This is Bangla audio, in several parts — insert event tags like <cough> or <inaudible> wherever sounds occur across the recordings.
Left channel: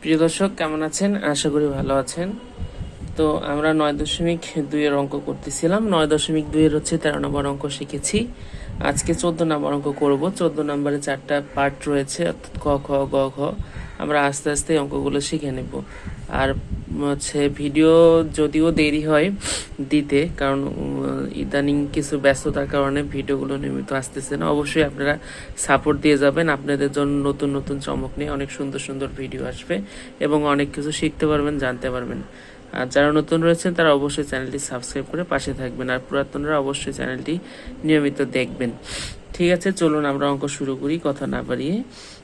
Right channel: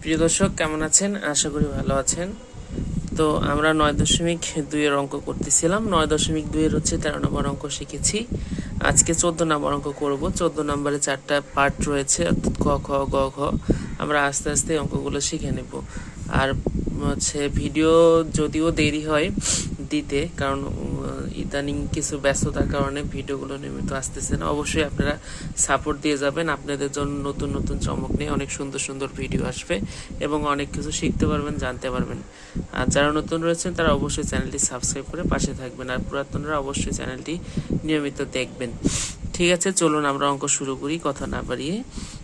প্রিয় দর্শক, কেমন আছেন? আশা করি ভালো আছেন। তো আমরা নয় দশমিক দুইয়ের অঙ্ক করতেছিলাম। নয় দশমিক দুইয়ের হচ্ছে তেরো নম্বর অঙ্ক শিখেছি। আজকে চোদ্দ নম্বর অঙ্ক করব। চোদ্দ নম্বরে চারটা পার্ট রয়েছে, অর্থাৎ ক, খ, গ, ঘ। আমরা আস্তে আস্তে অঙ্কগুলো শিখে নেব। আর হচ্ছে ভিডিও যদিও দেরি হয় দিতে, কারণ ইদানিং কিছু ব্যস্ততার কারণে ভিডিওগুলো নিয়মিত আসতেছে না। অবশ্যই আপনারা সাপোর্ট দিয়ে যাবেন। আপনাদের জন্য নতুন নতুন চমক নিয়ে অনেক সুন্দর সুন্দর ভিডিও আসবে এবং অনেক কিছু শিখতে পারবেন, জানতে পারবেন। আর যারা নতুন রয়েছেন, তারা অবশ্যই চ্যানেলটি সাবস্ক্রাইব করে পাশে থাকবেন আর পুরাতনরা অবশ্যই চ্যানেলটি নিয়মিত দেখবেন। ঠিক আছে, চলুন আমরা অঙ্ক শুরু করি, কথা না বাড়িয়ে।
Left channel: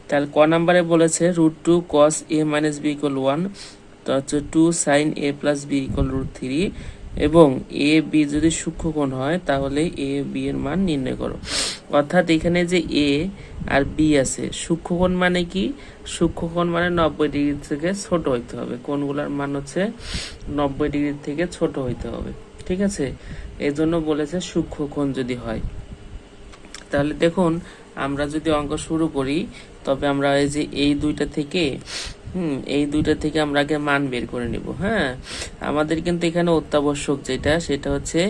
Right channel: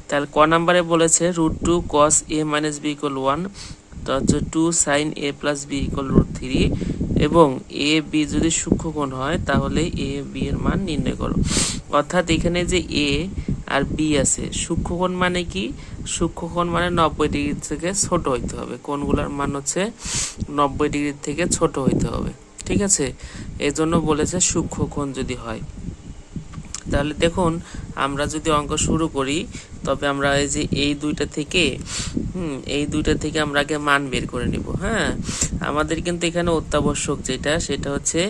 তাহলে ক নাম্বারে বলেছে root two cos A minus B equal one তো হচ্ছে two sine A plus B equal root three এবং এ বি যদি সূক্ষ্মকোণ হয়, তাহলে এ বি এর মান নির্ণয় করো। অর্থাৎ এখানে যে এ আর বি আছে সূক্ষ্মকোণ মানে কি? সূক্ষ্মকোণ মানে নব্বই ডিগ্রি থেকে ছোট হইতে হবে। কোণগুলোর মান হচ্ছে নব্বই ডিগ্রি থেকে ছোট হইতে হবে। ঠিক আছে? এই জন্য বলেছে সূক্ষ্মকোণ যদি হয়। তাহলে দেখুন, আমরা যদি অঙ্ক শুরু করি, তবে আমরা এই যে এই দুইটা থেকে, হুম, এই দুইটা থেকে আমরা আগে মান বের করে নিব হ্যাঁ? আমাদের কিন্তু এখানে অত্যাবশ্যক যেটা, সেটা হচ্ছে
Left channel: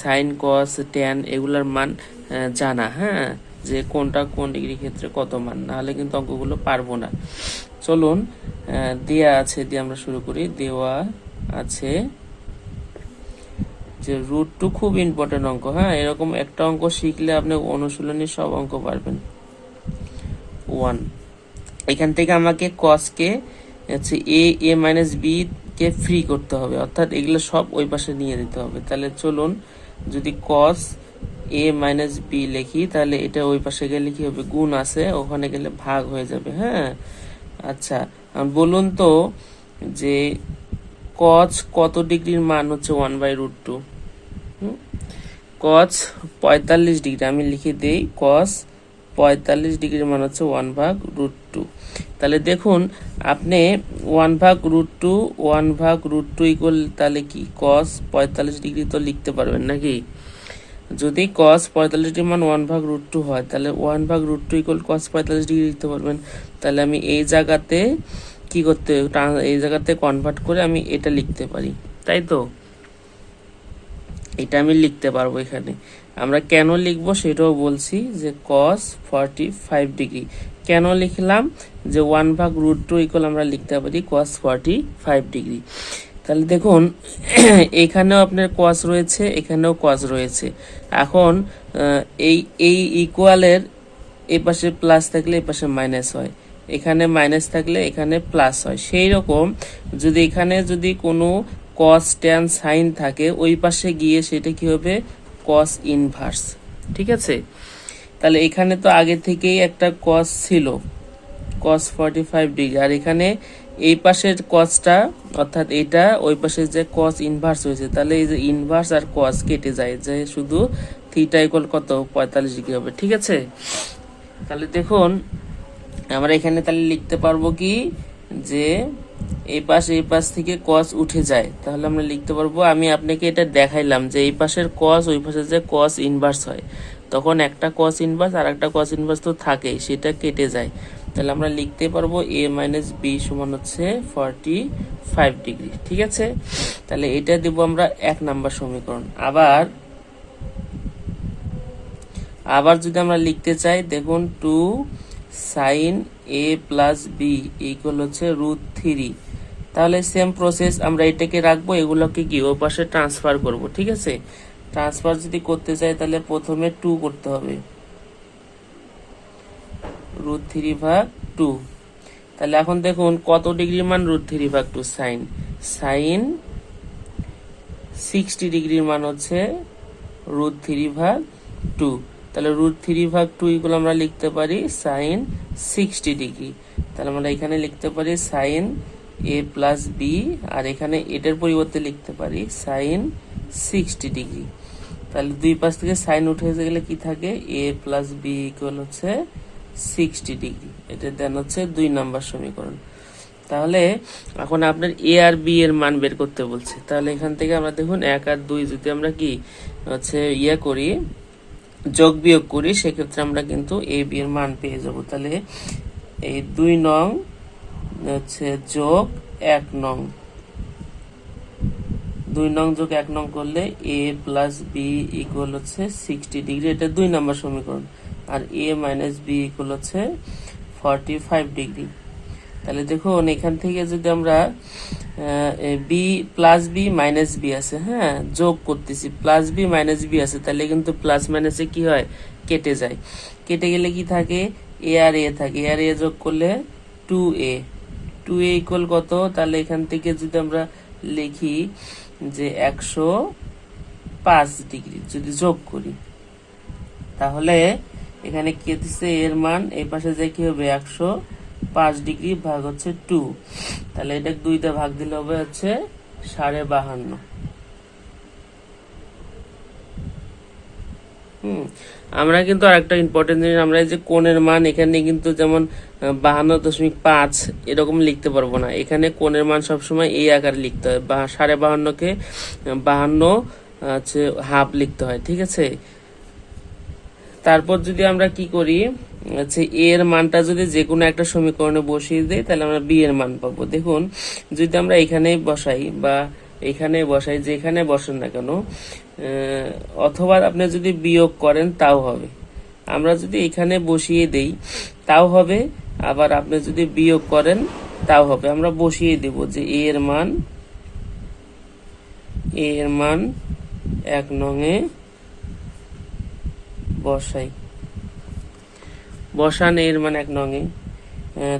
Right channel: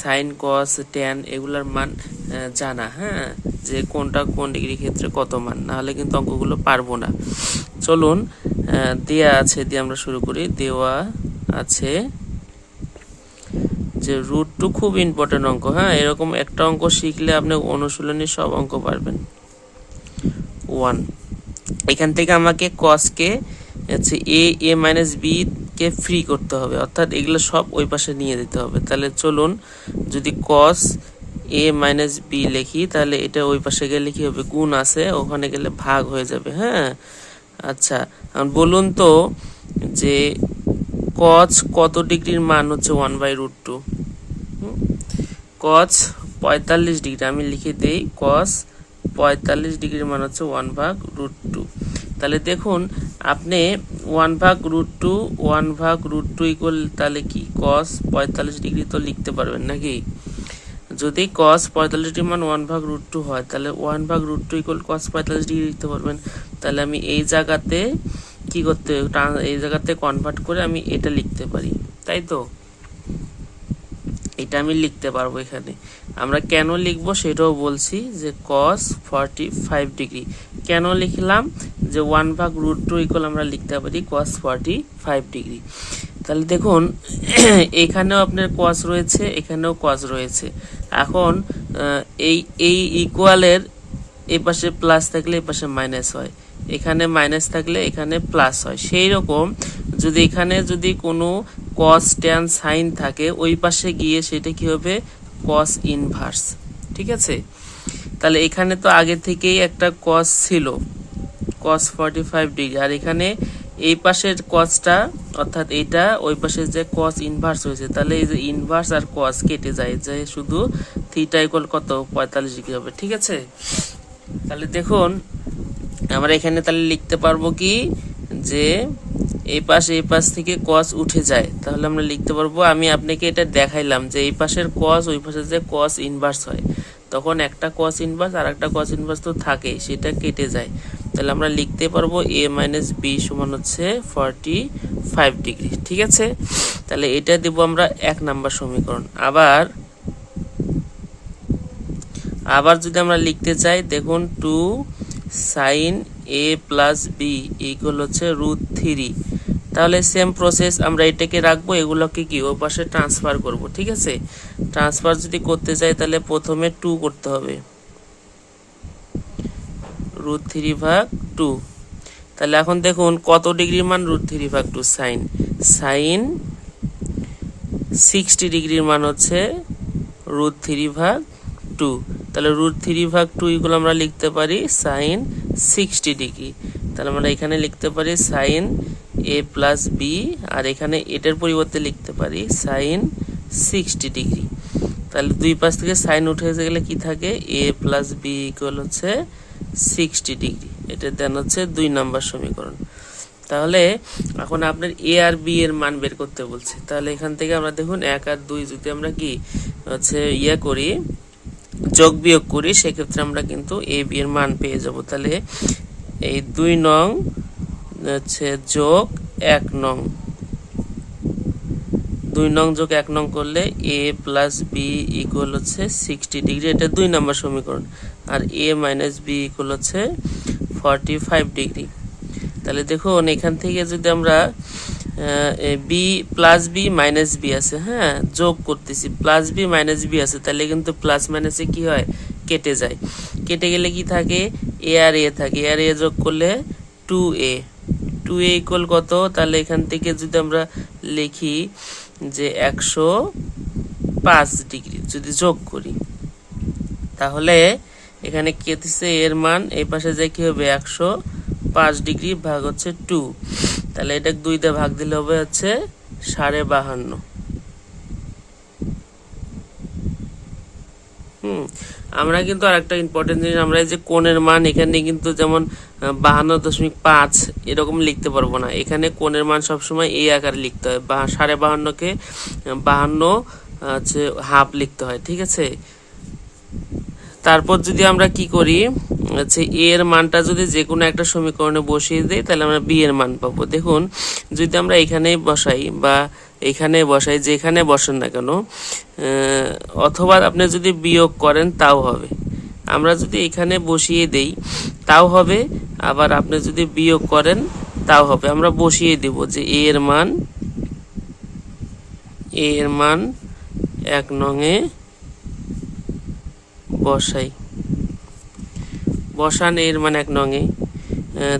সাইন কস ট্যান এগুলার মান জানা হ্যাঁ? যে কোনটা কোন ডিগ্রি ক্ষেত্রে কত মান, না হলে কিন্তু অঙ্কগুলো পারব না। চলুন দেয়া আছে, দিয়ে আমরা শুরু করি। দেওয়া আছে যে রুট টু খুব ইম্পর্টেন্ট অঙ্ক হ্যাঁ? এরকম একটা অঙ্ক শিখলে আপনি অনুশীলনী সব অঙ্ক পারবেন। ওয়ান এখান থেকে আমাকে কসকে হচ্ছে এ এ মাইনাস বি কে ফ্রি করতে হবে। অর্থাৎ এগুলো সব ওই পাশে নিয়ে দিতে হবে। তাহলে চলুন, যদি কস এ মাইনাস বি লিখি, তাহলে এটা ওই পাশে গেলে কি হবে? গুণ আছে, ওখানে গেলে ভাগ হয়ে যাবে হ্যাঁ? আচ্ছা বলুন তো যে কচ কত ডিগ্রির মান হচ্ছে ওয়ান বাই রুট টু কচ পঁয়তাল্লিশ ডিগ্রি, আমি লিখে দেই কস পঁয়তাল্লিশ ডিগ্রির মান হচ্ছে ওয়ান ভাগ রুট টু তাহলে দেখুন, আপনি ওয়ান ভাগ রুট টু ওয়ান ভাগ রুট টু ইকুয়াল তাহলে কি? কস পঁয়তাল্লিশ ডিগ্রি তো লিখতে পারবেন নাকি? যদি কস পঁয়তাল্লিশ ডিগ্রি মান ওয়ান ভাগ রুট টু হয়, তাহলে ওয়ান ভাগ রুট টু ইকুয়াল কস পঁয়তাল্লিশ ডিগ্রি লিখতে পারবেন। তাহলে আমি এই জায়গাতে কি করতে এই জায়গাতে কনভার্ট করে আমি এটা লিখতে পারি। তাই তো? এটা আমি লিখতে পারব এখানে। আমরা কেন লিখব সেটাও বলছি যে কস ফর্টি ফাইভ ডিগ্রি কেন লিখলাম? যে ওয়ান ভাগ রুট টু ইকুয়াল আমরা লিখতে পারি কস ফর্টি ফাইভ ডিগ্রি তাহলে দেখুন, <clears throat> এখানেও আপনার কস রয়েছে, এখানেও কস রয়েছে। এখন এই এই ইকুয়ালের এ পাশে প্লাস থাকলে এ পাশে মাইনাস হয়। এখানে মাইনাস থাকলে এখানে প্লাস হয়। সেই রকম যদি এখানে যদি কোনো কস ট্যান সাইন থাকে, ওই পাশে গিয়ে সেটা কি হবে? কস ইনভার্স ঠিক আছে? তাহলে এখানে তো আগে থেকেই একটা কস ছিল কস ফর্টি ফাইভ ডিগ্রি আর এখানে এই পাশের কসটা অর্থাৎ এটা, ওই পাশে যে কস ইনভার্স হয়েছে, তাহলে এই যে ইনভার্স আর কস কেটে যায়, যে শুধু থিটা ইকুয়াল কত? পঁয়তাল্লিশ ডিগ্রি হবে। ঠিক আছে? তাহলে দেখুন আমরা এখানে তাহলে লিখতে পারব কি যে এই পাশ এই পাশ থেকে কস উঠে যায়। তাহলে আমরা লিখতে পারব, আমি আপনাকে এটা দেখাইলাম যে এই পাশের কস ওই পাশে যে কস ইনভার্স হয়। তখন একটা কস ইনভার্স আর একটা কস ইনভার্স তো থাকে, সেটা কেটে যায়। তাহলে আমরা লিখতে পারব এ মাইনাস বি সমান হচ্ছে ফর্টি ফাইভ ডিগ্রি ঠিক আছে? তাহলে এটা দেবো আমরা এক নাম্বার সমীকরণ। আবার আবার যদি আমরা লিখতে চাই, দেখুন two sine A plus B equal হচ্ছে রুট থ্রি তাহলে সেম প্রসেস আমরা এটাকে রাখব, এগুলোকে কি ও পাশে ট্রান্সফার করব, ঠিক আছে? ট্রান্সফার যদি করতে চাই তাহলে প্রথমে টু করতে হবে। রুট থ্রি ভাগ টু তাহলে এখন দেখুন কত ডিগ্রি মান রুট থ্রি ভাগ টু সাইন। সাইন সিক্সটি ডিগ্রির মান হচ্ছে রুট থ্রি ভাগ টু তাহলে রুট থ্রি ভাগ টু এগুলো আমরা লিখতে পারি সাইন সিক্সটি ডিগ্রি তাহলে আমরা এখানে লিখতে পারি সাইন এ প্লাস বি আর এখানে এটার পরিবর্তে লিখতে পারি সাইন সিক্সটি ডিগ্রি তাহলে দুই পাশ থেকে সাইন উঠে গেলে কি থাকে? এ প্লাস বি ইকুয়াল হচ্ছে সিক্সটি ডিগ্রি এটা দেন হচ্ছে দুই নম্বর সমীকরণ। তাহলে এখন আপনার এ আর বি এর মান বের করতে বলছে। তাহলে এখান থেকে আমরা দেখুন এক আর দুই যদি আমরা কি হচ্ছে ইয়ে করি যোগ বিয়োগ করি, সেক্ষেত্রে আমরা কিন্তু এ বি এর মান পেয়ে যাব। তাহলে এই দুই নং, হচ্ছে যোগ এক নং। দুই নং যোগ এক নং করলে এ প্লাস বি ইকুয়াল হচ্ছে সিক্সটি ডিগ্রি এটা দুই নম্বর সমীকরণ। আর এ মাইনাস বি ইকুয়াল হচ্ছে ফর্টি ফাইভ ডিগ্রি তাহলে দেখুন, এখান থেকে যদি আমরা B plus B minus B আছে হ্যাঁ? যোগ করতেছি প্লাস বি মাইনাস বি আছে, তাহলে কিন্তু প্লাস মাইনাসে কি হয়? কেটে যায়। কেটে গেলে কি থাকে? এ আর এ থাকে। এ আর এ যোগ করলে two A two A equal কত? তাহলে এখান থেকে যদি আমরা লিখি যে একশো পাঁচ ডিগ্রি, যদি যোগ করি, তাহলে এখানে কেতেছে এর মান, এই পাশে যে কি হবে? একশো পাঁচ ডিগ্রি ভাগ হচ্ছে টু তাহলে এটা দুইতে ভাগ দিলে হবে হচ্ছে সাড়ে বাহান্ন। আমরা কিন্তু আরেকটা ইম্পর্টেন্ট জিনিস, আমরা এই যে কোণের মান, এখানে কিন্তু যেমন বাহান্ন দশমিক পাঁচ এরকম লিখতে পারব না। এখানে কোণের মান সবসময় এই আকারে লিখতে হয়। বা সাড়ে বাহান্নকে বাহান্ন হচ্ছে হাফ লিখতে হয়, ঠিক আছে? তারপর যদি আমরা কি করি, হচ্ছে এ এর মানটা যদি যে কোনো একটা সমীকরণে বসিয়ে দিই, তাহলে আমরা বি এর মান পাবো। দেখুন, যদি আমরা এখানেই বসাই বা এখানে বসাই, যেখানে বসেন না কেন অথবা আপনি যদি বিয়োগ করেন, তাও হবে। আমরা যদি এখানে বসিয়ে দেই, তাও হবে, আবার আপনি যদি বিয়োগ করেন, তাও হবে। আমরা বসিয়ে দেব যে এ এর মান এ এর মান এক নঙে বসাই। বসান এর মানে এক নঙে।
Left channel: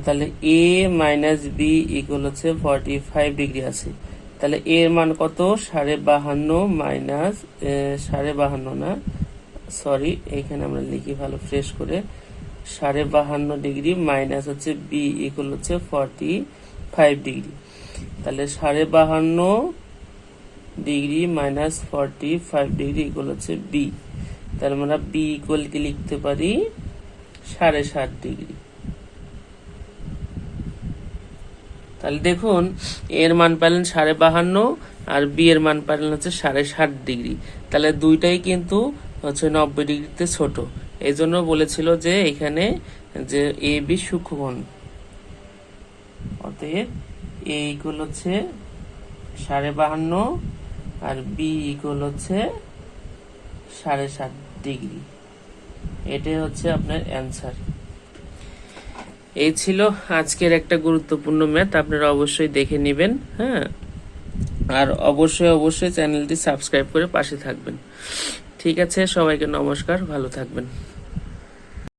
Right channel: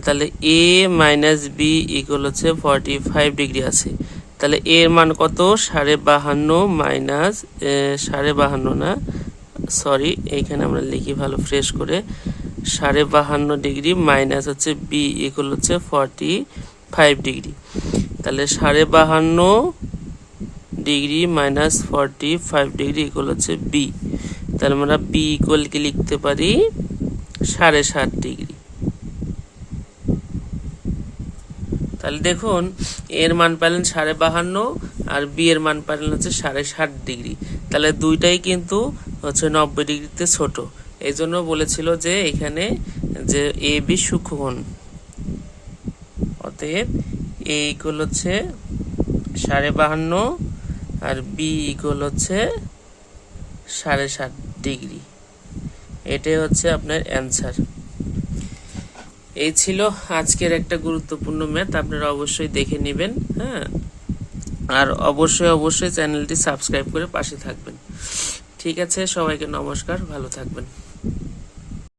তাহলে এ মাইনাস বি ইকুয়াল হচ্ছে ফর্টি ফাইভ ডিগ্রি আছে। তাহলে এর মান কত? সাড়ে বাহান্ন মাইনাস সাড়ে বাহান্ন না? সরি এইখানে আমরা লিখি ভালো ফ্রেশ করে। সাড়ে বাহান্ন ডিগ্রি মাইনাস হচ্ছে বি ইকুয়াল হচ্ছে ফর্টি ফাইভ ডিগ্রি তাহলে সাড়ে বাহান্ন degree minus forty five degree equal হচ্ছে বি তাহলে আমরা বি ইকুয়াল কি লিখতে পারি? সাড়ে সাত ডিগ্রি। তাহলে দেখুন এর মান পেলেন সাড়ে বাহান্ন আর বি এর মান পেলেন হচ্ছে সাড়ে ষাট ডিগ্রি। তাহলে দুইটাই কিন্তু হচ্ছে নব্বই ডিগ্রিতে ছোট। এই জন্য বলেছিল যে এখানে যে এ বি সূক্ষ্মকোণ অতএব এ ইকুয়াল হচ্ছে সাড়ে বাহান্ন আর বি ইকুয়াল হচ্ছে সাড়ে সাত ডিগ্রি। এটাই হচ্ছে আপনার অ্যান্সার এই ছিল আজকের একটা গুরুত্বপূর্ণ ম্যাথ আপনারা অবশ্যই দেখে নেবেন হ্যাঁ? আর অবশ্যই অবশ্যই চ্যানেলটি সাবস্ক্রাইব করে পাশে থাকবেন। ঠিক আছে, সবাইকে নমস্কার, ভালো থাকবেন।